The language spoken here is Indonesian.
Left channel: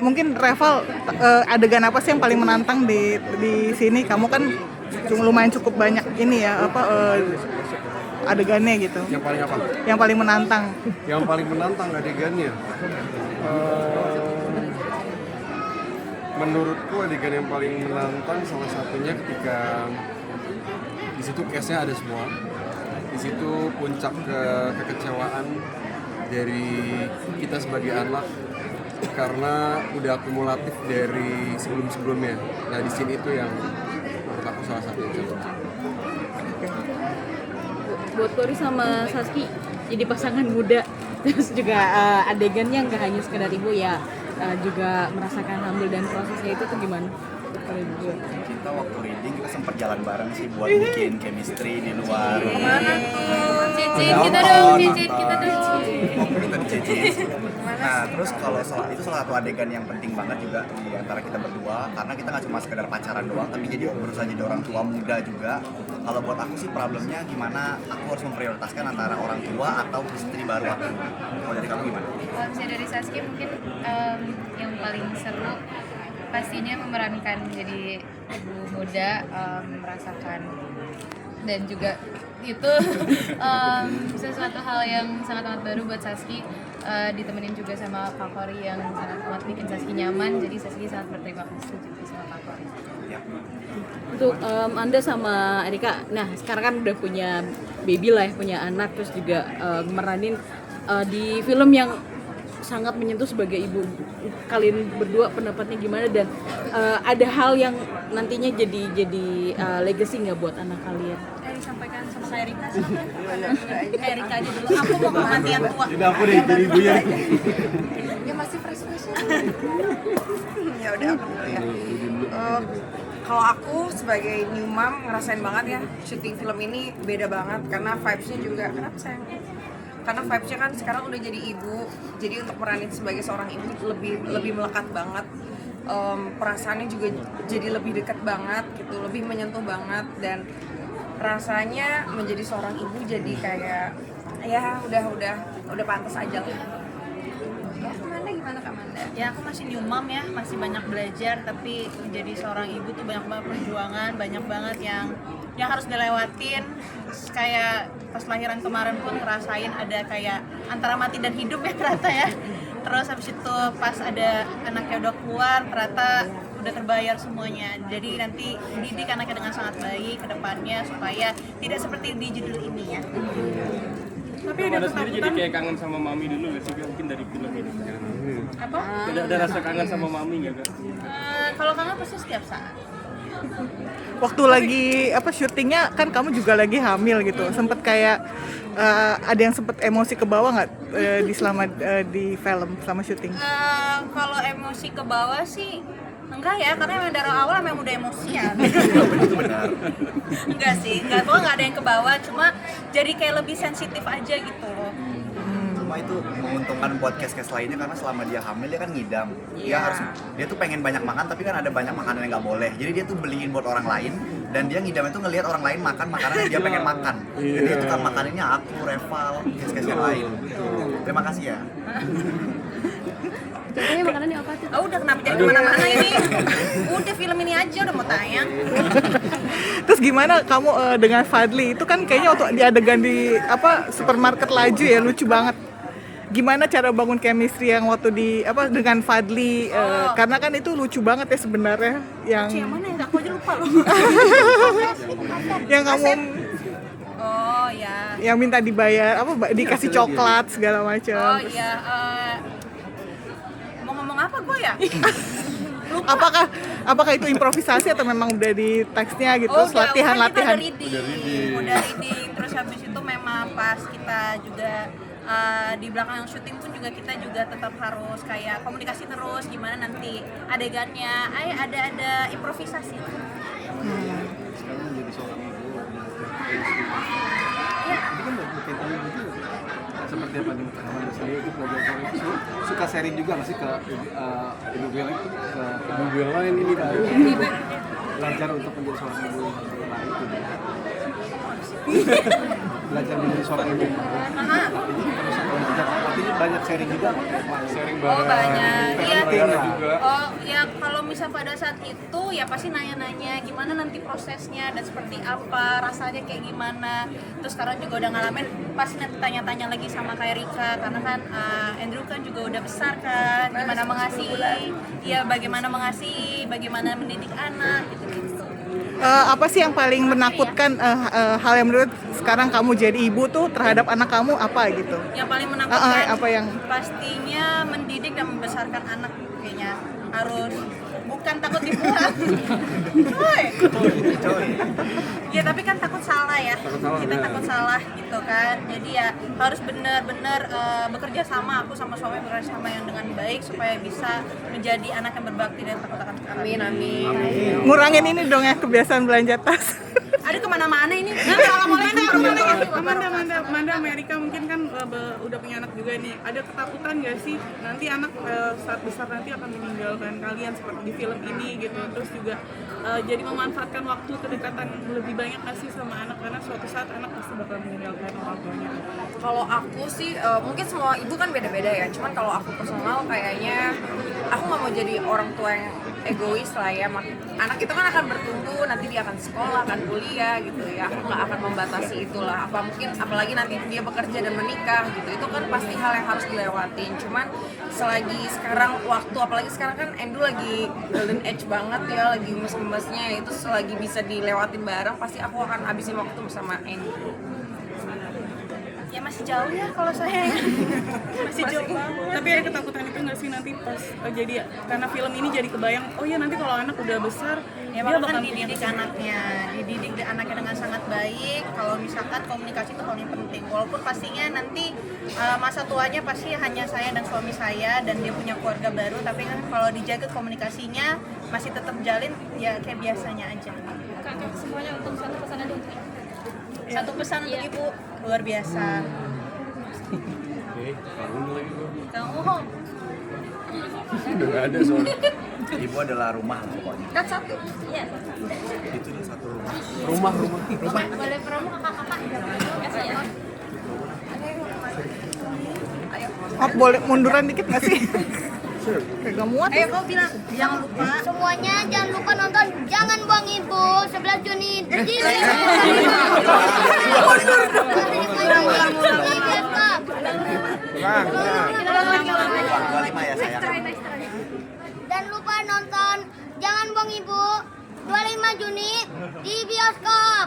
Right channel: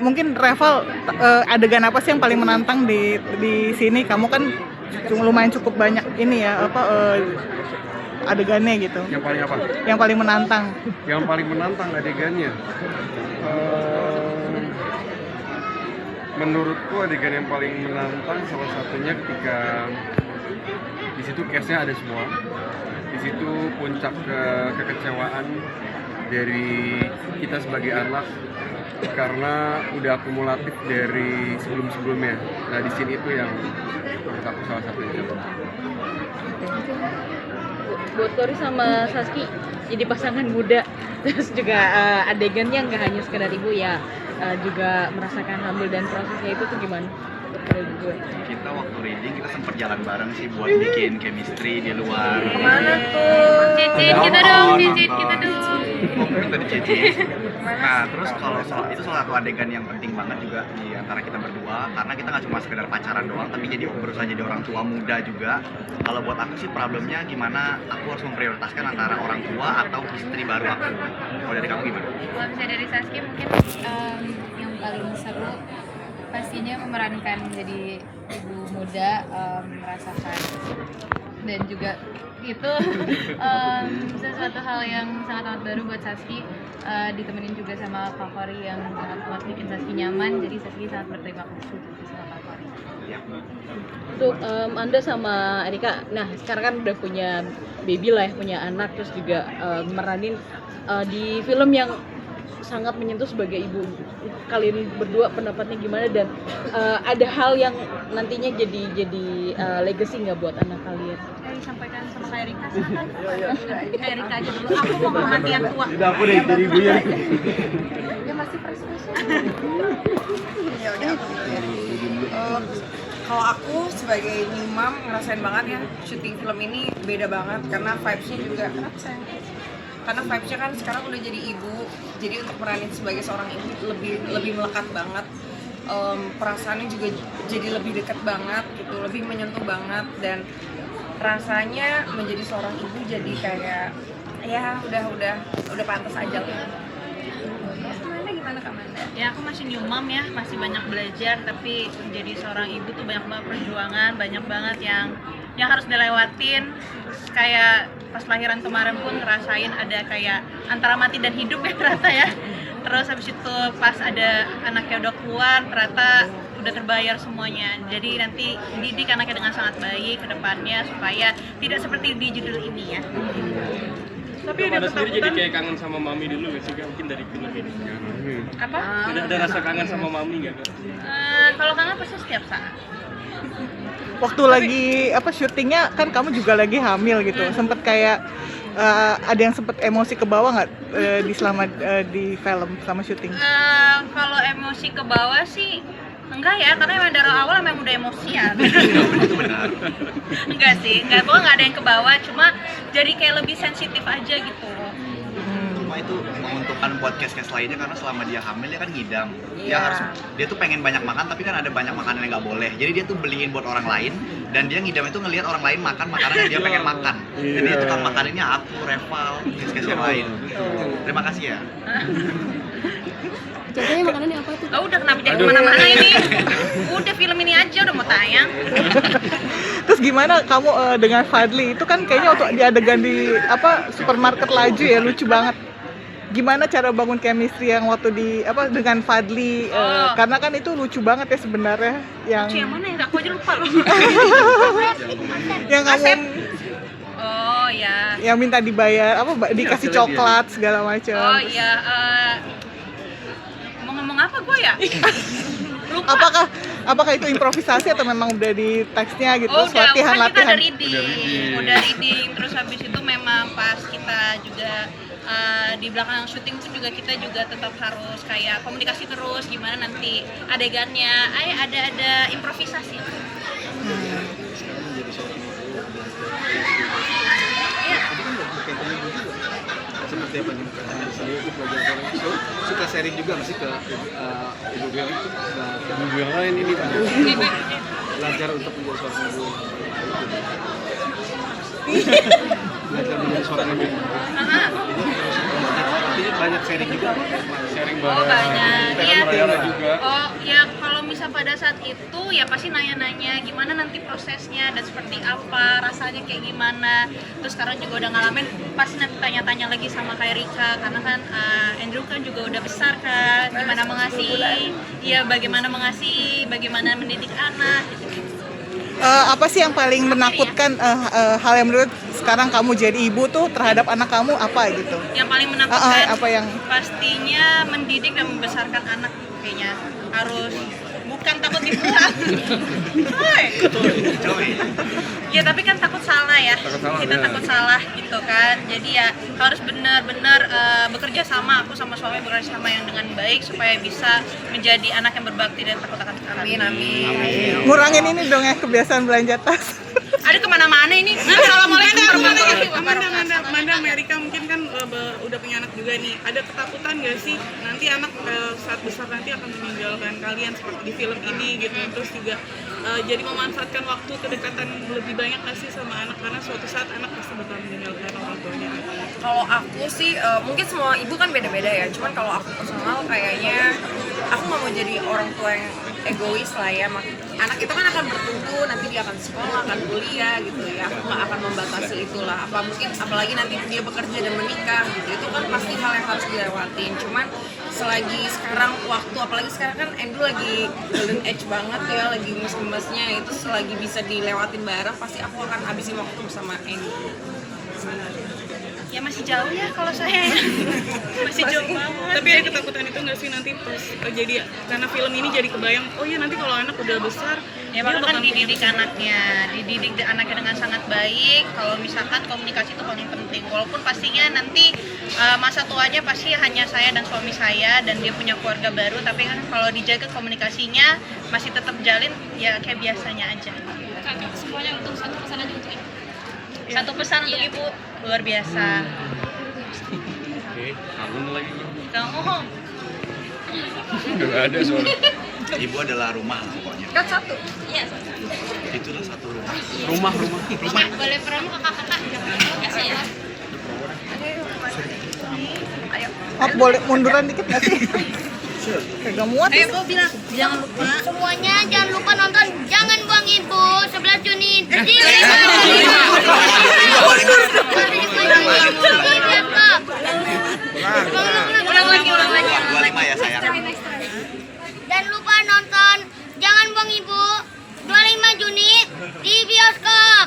Mungkin Reval, adegan apa sih yang paling menantang di sini? Kamu kan lumayan cukup banyak ini ya adegannya gitu. Yang paling apa? Yang paling menantang. Yang paling menantang adegannya. Menurutku adegan yang paling menantang salah satunya ketika di situ case-nya ada semua. Di situ puncak kekecewaan dari kita sebagai anak karena udah akumulatif dari sebelum-sebelumnya. Nah di sini itu yang menurut aku salah satu yang contoh. Buat Tori sama Saski jadi pasangan muda, terus juga adegannya nggak hanya sekedar ibu ya, juga merasakan hamil dan prosesnya itu tuh gimana? Kita waktu reading kita sempat jalan bareng sih buat bikin chemistry di luar. Kemana tuh? Cicit kita dong, cicit kita dong. Kita dicicit. Nah terus kalau itu salah satu adegan yang penting banget juga di antara kita berdua, karena kita nggak cuma sekedar pacaran doang, tapi berusaha jadi orang tua muda juga. Kalau buat aku sih problemnya gimana aku harus memprioritaskan antara orang tua atau istri baru aku. Kalau dari kamu gimana? Kalau misalnya dari Saski mungkin yang paling seru pastinya memerankan jadi ibu muda, merasakan dan juga itu sesuatu hal yang sangat amat baru buat Saski, ditemenin juga sama Kak Kori yang sangat amat bikin Saski nyaman, jadi Saski sangat berterima kasih juga sama Kak Kori. Untuk Anda sama Erika, nah sekarang kan udah punya baby lah ya, punya anak, terus juga meranin di film yang sangat menyentuh sebagai ibu. Kalian berdua pendapatnya gimana, dan ada hal yang nantinya jadi legacy nggak buat anak kalian? Disampaikan sama Kak Erika, silakan. Erika aja dulu, aku mau ngelatih yang tua. Tidak aku deh jadi ibunya. Ya masih fresh. Ya udah aku dulu ya. Kalau aku sebagai new mom ngerasain banget ya syuting film ini beda banget karena vibes-nya juga. Kenapa sayang? Karena vibes-nya kan sekarang udah jadi ibu, jadi untuk meranin sebagai seorang ibu lebih melekat banget. Perasaannya juga jadi lebih dekat banget gitu, lebih menyentuh banget, dan rasanya menjadi seorang ibu jadi kayak ya udah pantas aja lah. Kalau Kamanda gimana Kamanda? Ya aku masih new mom ya, masih banyak belajar, tapi menjadi seorang ibu tuh banyak banget perjuangan, banyak banget yang harus dilewatin. Kayak pas lahiran kemarin pun ngerasain ada kayak antara mati dan hidup ya ternyata ya. Terus habis itu pas ada anaknya udah keluar, ternyata udah terbayar semuanya. Jadi nanti didik anaknya dengan sangat baik ke depannya supaya tidak seperti di judul ini ya. Tapi ada sendiri jadi kayak kangen sama mami dulu gitu, mungkin dari film ini. Apa? Ada rasa kangen sama mami nggak kak? Kalau kangen pasti setiap saat. Waktu lagi syutingnya kan kamu juga lagi hamil gitu, sempet kayak ada yang sempet emosi ke bawah nggak di film selama syuting? Kalau emosi ke bawah sih enggak ya, karena emang dari awal emang udah emosian. Enggak sih, pokoknya nggak ada yang ke bawah, cuma jadi kayak lebih sensitif aja gitu. Cuma itu menguntungkan buat case-case lainnya karena selama dia hamil dia kan ngidam. Dia tuh pengen banyak makan, tapi kan ada banyak makanan yang nggak boleh. Jadi dia tuh beliin buat orang lain, dan dia ngidam itu ngelihat orang lain makan makanan yang dia pengen makan. Jadi itu kan makanannya aku, Reval, case-case yang lain. Terima kasih ya. Contohnya makanannya apa tuh? Udah kenapa jadi kemana-mana ini? Udah film ini aja udah mau tayang. Terus gimana kamu dengan Fadli? Itu kan kayaknya waktu di adegan di supermarket laju ya, lucu banget. Gimana cara bangun chemistry yang waktu dengan Fadli? Karena kan itu lucu banget ya sebenarnya. Lucu yang mana ya? Aku aja lupa loh. Yang kamu Oh ya. yang minta dibayar dikasih coklat segala macam. Oh iya. Mau ngomong apa gue ya? Lupa. Apakah itu improvisasi atau memang udah di teksnya gitu? Udah latihan? Kita udah reading. Terus habis itu memang pas kita juga di belakang syuting pun juga kita juga tetap harus kayak komunikasi terus gimana nanti adegannya. Ada improvisasi. Ya. Seperti apa nih? Suka sharing juga nggak sih ke ibu yang lain ini belajar untuk menjadi seorang ibu. belajar menjadi seorang ibu. Jadi banyak sharing juga, sharing bareng. banyak. Iya. Saudara juga. Oh ya, kalau misal pada saat itu ya pasti nanya-nanya gimana nanti prosesnya dan seperti apa, rasanya kayak gimana. Terus sekarang juga udah ngalamin, pasti nanti tanya-tanya lagi sama kayak Rika, karena kan Andrew kan juga udah besar kan, gimana mengasihi, ya bagaimana mengasihi, bagaimana mendidik anak gitu. Apa sih yang paling menakutkan hal yang menurut sekarang kamu jadi ibu tuh terhadap anak kamu apa gitu? Yang paling menakutkan apa yang pastinya mendidik dan membesarkan anak, kayaknya harus bukan takut dibuang. Coy. Ya tapi kan takut salah ya. Kita ya. takut salah gitu kan. Jadi ya harus benar-benar bekerja sama, aku sama suami bekerja sama yang dengan baik supaya bisa menjadi anak yang berbakti dan takut akan Tuhan. Amin. ngurangin ini dong ya kebiasaan belanja tas? Ada kemana-mana ini. Assalamualaikum warahmatullahi wabarakatuh. Manda Amerika mungkin kan udah punya anak juga nih. Ada ketakutan nggak sih nanti anak saat besar nanti akan meninggalkan kalian seperti di film ini gitu. Terus juga jadi memanfaatkan waktu kedekatan lebih banyak nggak sih sama anak, karena suatu saat anak pasti bakal meninggalkan orang tuanya. Kalau aku sih mungkin semua ibu kan beda-beda ya. Cuman kalau aku personal kayaknya aku nggak mau jadi orang tua yang egois lah ya. Anak itu kan akan bertumbuh, nanti dia akan sekolah, akan kuliah gitu ya. Aku nggak akan membatasi itulah. Apalagi nanti dia bekerja dan menikah gitu. Itu kan pasti hal yang harus dilewatin. Cuman selagi sekarang waktu, apalagi sekarang kan Andrew lagi golden age banget ya, lagi gemes-gemesnya, itu selagi bisa dilewatin bareng pasti aku akan habisin waktu bersama Andrew. Ya masih jauh ya kalau saya ya. Masih jauh banget. Tapi ada ketakutan itu nggak sih nanti pas jadi karena film ini jadi kebayang, oh ya nanti kalau anak udah besar Ya makanya kan dididik anaknya dengan sangat baik. Kalau misalkan komunikasi itu paling penting. Walaupun pastinya nanti masa tuanya pasti hanya saya dan suami saya dan dia punya keluarga baru, tapi kan kalau dijaga komunikasinya masih tetap jalin ya kayak biasanya aja. Semuanya untuk satu pesan aja untuk ibu. Satu pesan untuk ibu luar biasa. Oke, kangen lagi gue. Kamu Nggak ada soalnya. Ibu adalah rumah lah pokoknya. Kan satu. Iya. Itulah satu rumah. Rumah. Boleh promo kakak-kakak. Kasih ya. Oh, boleh munduran dikit nggak sih? Kagak muat. ayo kau bilang jangan lupa. Semuanya jangan lupa nonton Jangan Buang Ibu 11 Juni di bioskop. Ulang lagi. 25 ya sayang. Dan lupa nonton Jangan Buang Ibu 25 Juni di bioskop.